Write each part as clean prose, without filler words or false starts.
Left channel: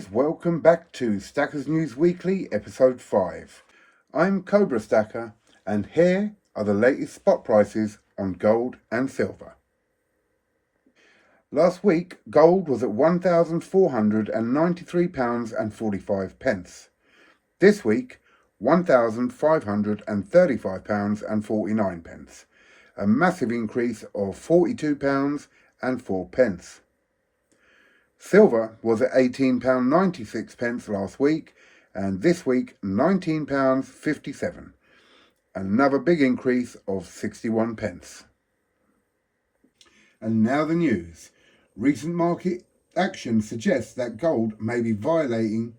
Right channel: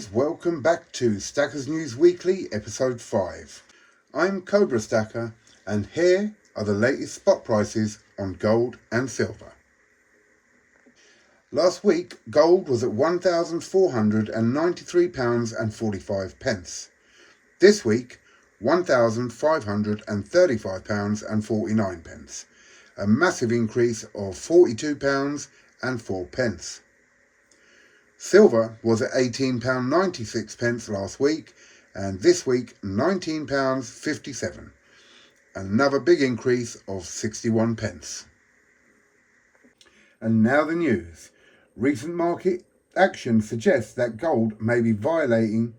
guys, welcome back to Stackers News Weekly episode 5. I'm COBRASTACKER and here are the latest spot prices on gold and silver. Last week gold was at £1,493.45. This week £1,535.49. A massive increase of £42.04. Silver was at £18.96 last week, and this week £19.57. Another big increase of 61 pence. And now the news. Recent market action suggests that gold may be violating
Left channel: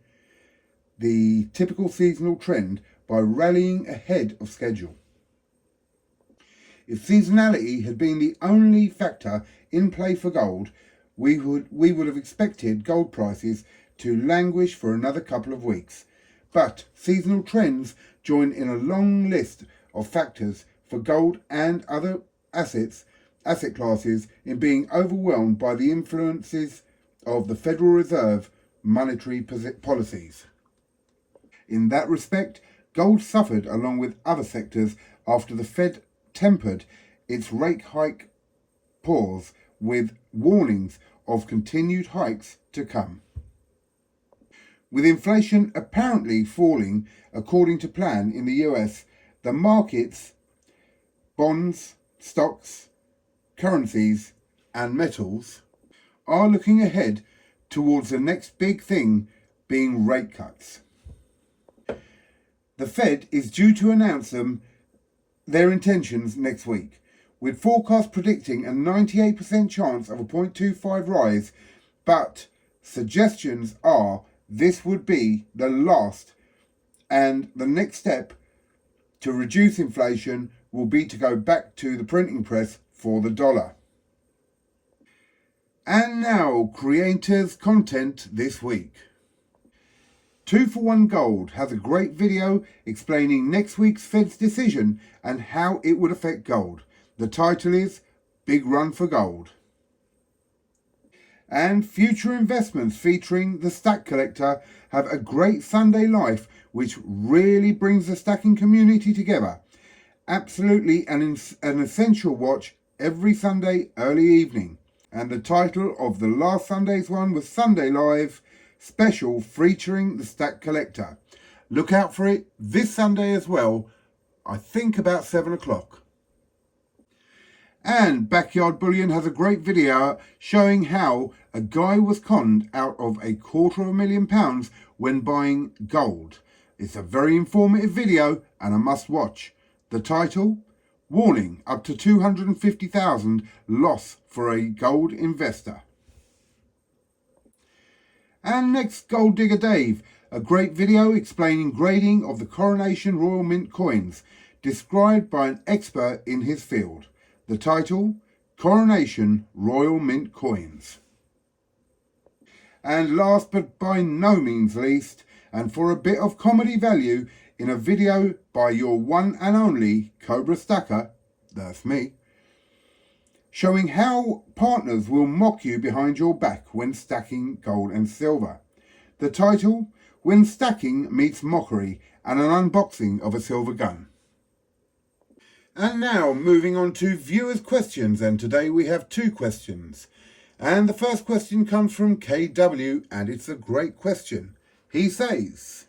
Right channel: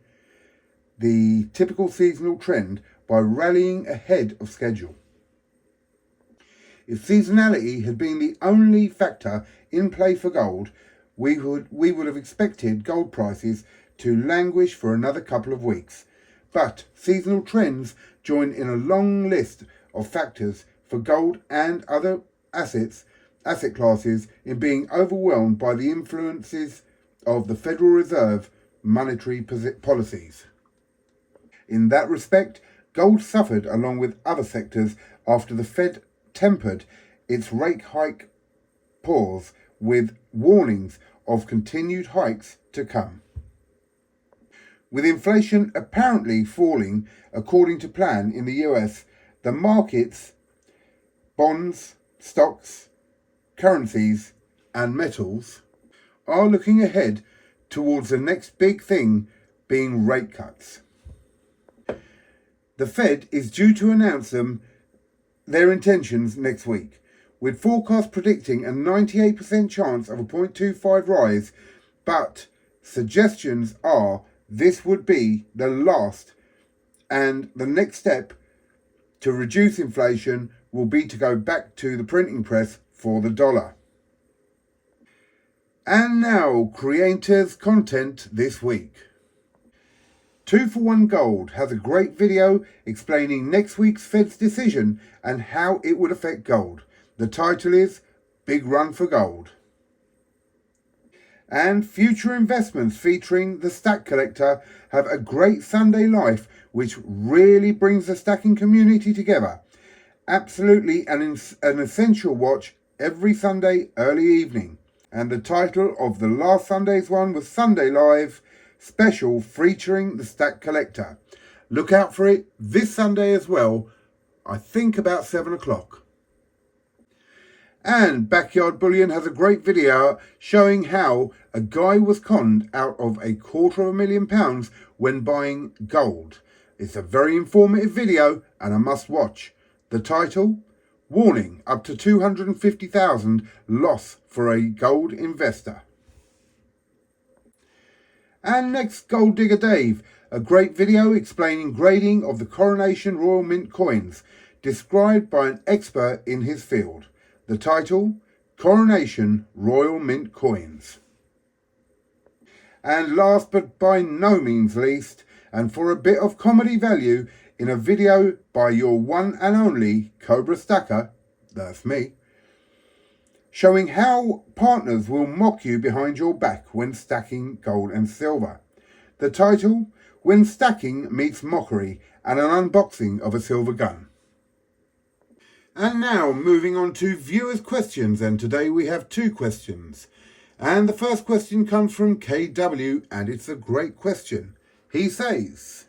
the typical seasonal trend by rallying ahead of schedule. If seasonality had been the only factor in play for gold, we would have expected gold prices to languish for another couple of weeks. But seasonal trends join in a long list of factors for gold and other asset classes in being overwhelmed by the influences of the Federal Reserve monetary policies. In that respect, gold suffered along with other sectors after the Fed tempered its rate hike pause with warnings of continued hikes to come. With inflation apparently falling according to plan in the US, the markets, bonds, stocks, currencies and metals are looking ahead towards the next big thing being rate cuts. The Fed is due to announce their intentions next week, with forecasts predicting a 98% chance of a 0.25 rise, but suggestions are this would be the last, and the next step to reduce inflation will be to go back to the printing press for the dollar. And now, creators' content this week. 2-for-1 Gold has a great video explaining next week's Fed's decision and how it would affect gold. The title is Big Run for Gold. And Future Investments featuring the Stack Collector have a great Sunday life which really brings the stacking community together. Absolutely an essential watch every Sunday early evening. And the title of the last Sunday's one was Sunday Live Special featuring the Stack Collector. Look out for it this Sunday as well, I think about 7 o'clock. And Backyard Bullion has a great video showing how a guy was conned out of £250,000 when buying gold. It's a very informative video and a must watch. The title, Warning, up to $250,000 loss for a gold investor. And next, Gold Digger Dave, a great video explaining grading of the Coronation Royal Mint coins, described by an expert in his field. The title, Coronation Royal Mint Coins. And last but by no means least, and for a bit of comedy value, in a video by your one and only COBRASTACKER, that's me, showing how partners will mock you behind your back when stacking gold and silver. The title, When Stacking Meets Mockery, and an unboxing of a silver gun. And now moving on to viewers' questions, and today we have 2 questions. And the first question comes from KW, and it's a great question. He says,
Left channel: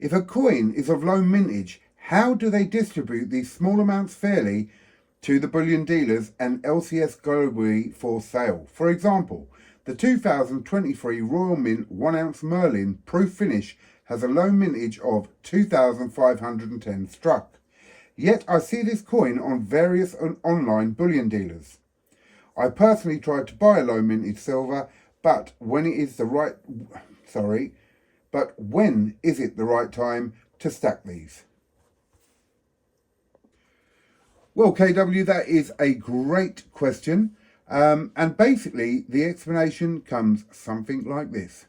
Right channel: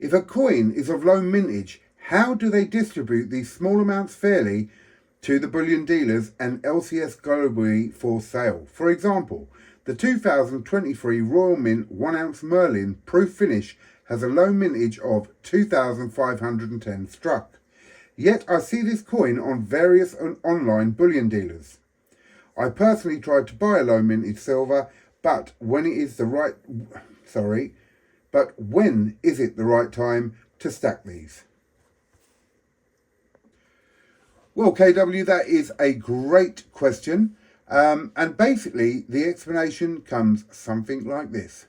if a coin is of low mintage, how do they distribute these small amounts fairly to the bullion dealers and LCS globally for sale? For example, the 2023 Royal Mint 1-ounce Merlin proof finish has a low mintage of 2,510 struck. Yet I see this coin on various online bullion dealers. I personally tried to buy a low mintage silver, but when is it the right time to stack these? Well, KW, that is a great question. And basically the explanation comes something like this.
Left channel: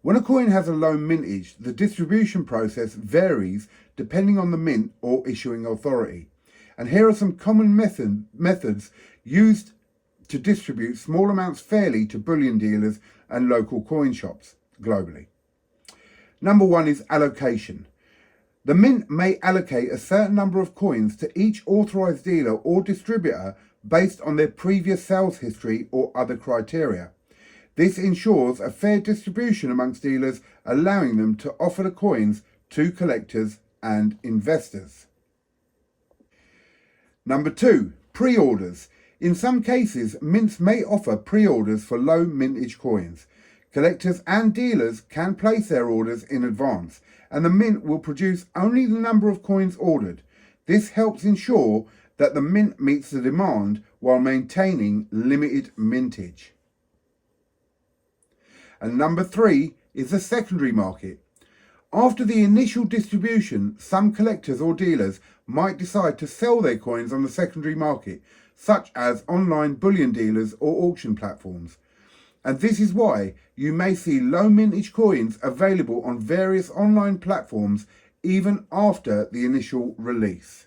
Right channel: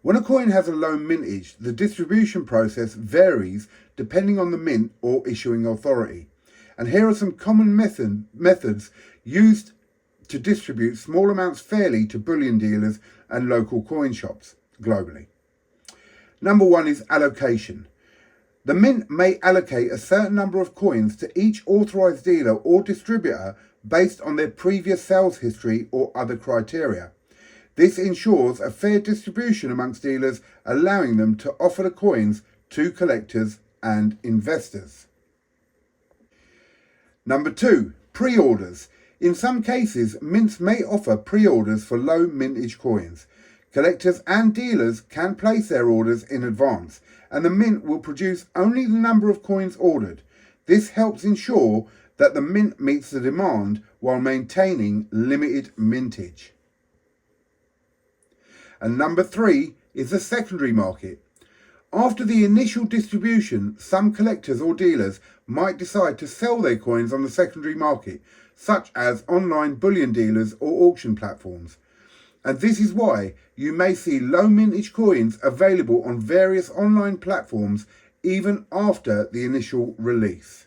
When a coin has a low mintage, the distribution process varies depending on the mint or issuing authority. And here are some common methods used to distribute small amounts fairly to bullion dealers and local coin shops globally. Number 1 is allocation. The mint may allocate a certain number of coins to each authorized dealer or distributor based on their previous sales history or other criteria. This ensures a fair distribution amongst dealers, allowing them to offer the coins to collectors and investors. Number 2, pre-orders. In some cases, mints may offer pre-orders for low mintage coins. Collectors and dealers can place their orders in advance, and the mint will produce only the number of coins ordered. This helps ensure that the mint meets the demand while maintaining limited mintage. And number 3 is the secondary market. After the initial distribution, some collectors or dealers might decide to sell their coins on the secondary market, such as online bullion dealers or auction platforms. And this is why you may see low mintage coins available on various online platforms even after the initial release.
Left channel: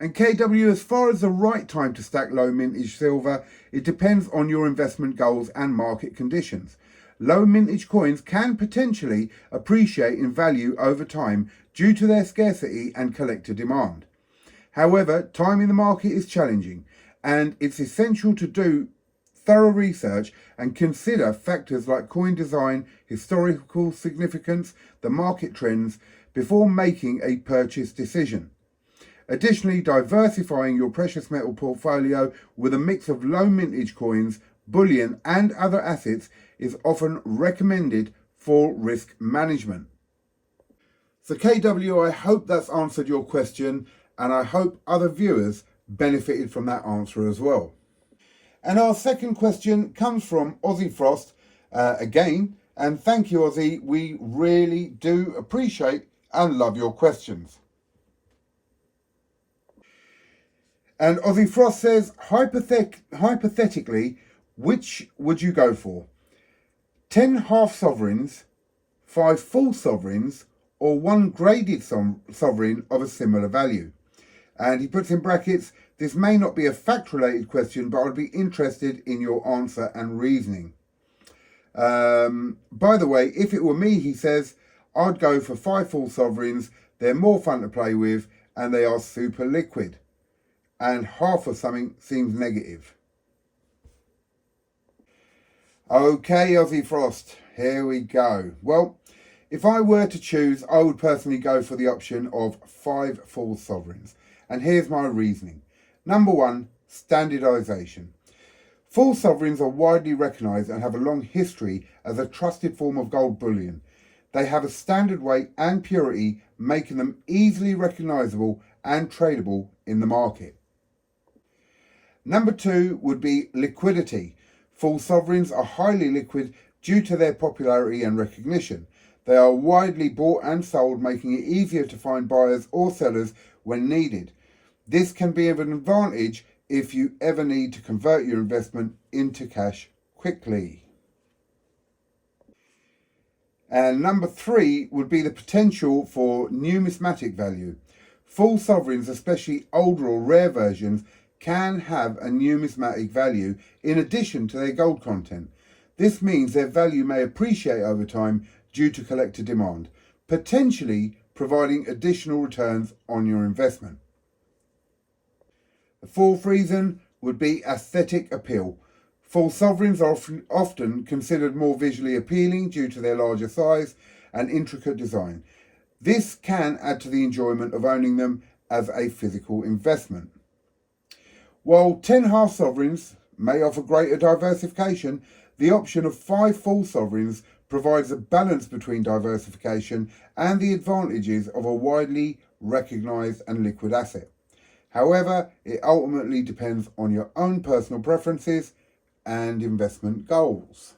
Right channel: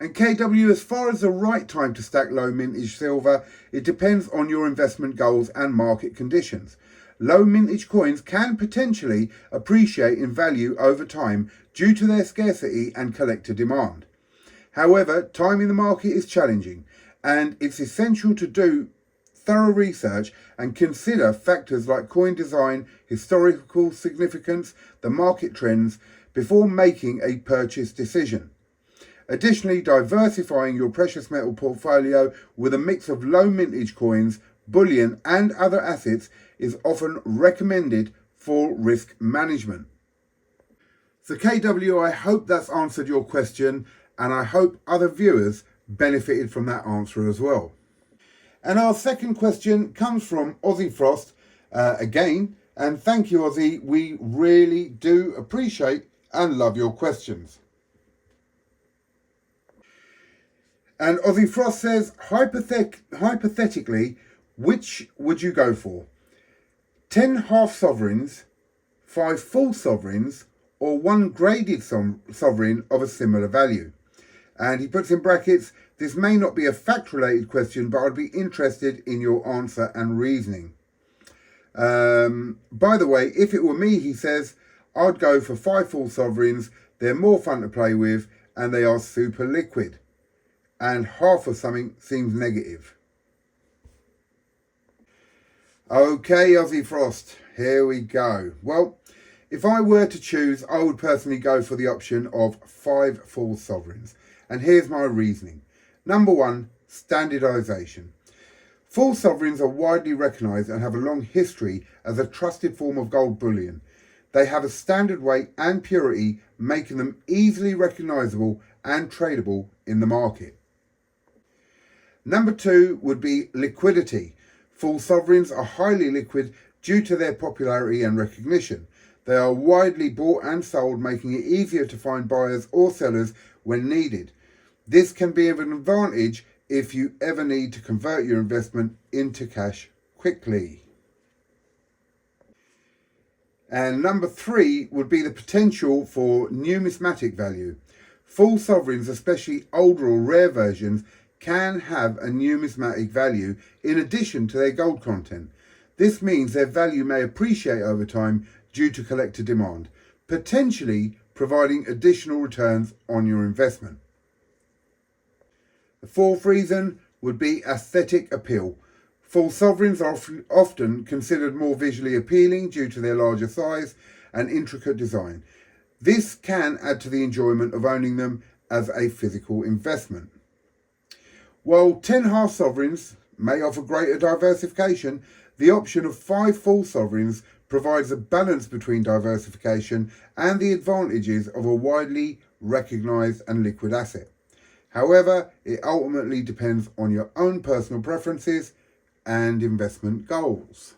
And KW, as far as the right time to stack low mintage silver, it depends on your investment goals and market conditions. Low mintage coins can potentially appreciate in value over time due to their scarcity and collector demand. However, timing the market is challenging, and it's essential to do thorough research and consider factors like coin design, historical significance, the market trends before making a purchase decision. Additionally, diversifying your precious metal portfolio with a mix of low mintage coins, bullion and other assets is often recommended for risk management. So KW, I hope that's answered your question, and I hope other viewers benefited from that answer as well. And our second question comes from Aussie Frost again, and thank you, Aussie. We really do appreciate and love your questions. And Aussie Frost says, hypothetically, which would you go for? 10 half sovereigns, 5 full sovereigns, or 1 graded sovereign of a similar value? And he puts in brackets, this may not be a fact-related question, but I'd be interested in your answer and reasoning. By the way, if it were me, he says, I'd go for 5 full sovereigns. They're more fun to play with, and they are super liquid. And half of something seems negative. Okay, Aussie Frost, here we go. Well, if I were to choose, I would personally go for the option of 5 full sovereigns. And here's my reasoning. Number 1, standardisation. Full sovereigns are widely recognised and have a long history as a trusted form of gold bullion. They have a standard weight and purity, making them easily recognisable and tradable in the market. Number 2 would be liquidity. Full sovereigns are highly liquid due to their popularity and recognition. They are widely bought and sold, making it easier to find buyers or sellers when needed. This can be of an advantage if you ever need to convert your investment into cash quickly. And number 3 would be the potential for numismatic value. Full sovereigns, especially older or rare versions, can have a numismatic value in addition to their gold content. This means their value may appreciate over time due to collector demand, potentially providing additional returns on your investment. The 4th reason would be aesthetic appeal. Full sovereigns are often considered more visually appealing due to their larger size and intricate design. This can add to the enjoyment of owning them as a physical investment. While 10 half sovereigns may offer greater diversification, the option of 5 full sovereigns provides a balance between diversification and the advantages of a widely recognised and liquid asset. However, it ultimately depends on your own personal preferences and investment goals.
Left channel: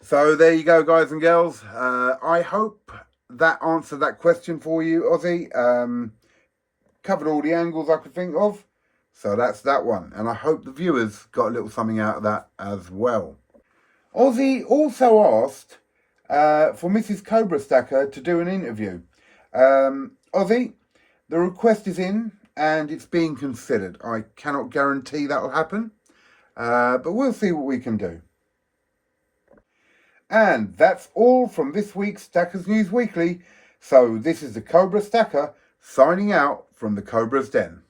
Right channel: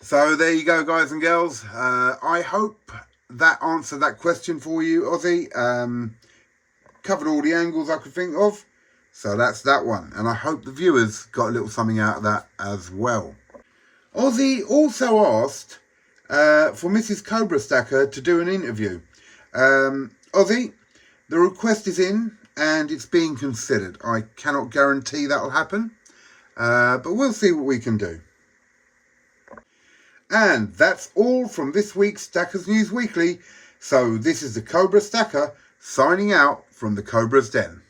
So there you go, guys and girls. I hope that answered that question for you, Aussie. Covered all the angles I could think of. So that's that one. And I hope the viewers got a little something out of that as well. Aussie also asked for Mrs. COBRASTACKER to do an interview. Aussie, the request is in and it's being considered. I cannot guarantee that will happen, but we'll see what we can do. And that's all from this week's Stackers News Weekly. So this is the Cobra Stacker signing out from the Cobra's Den.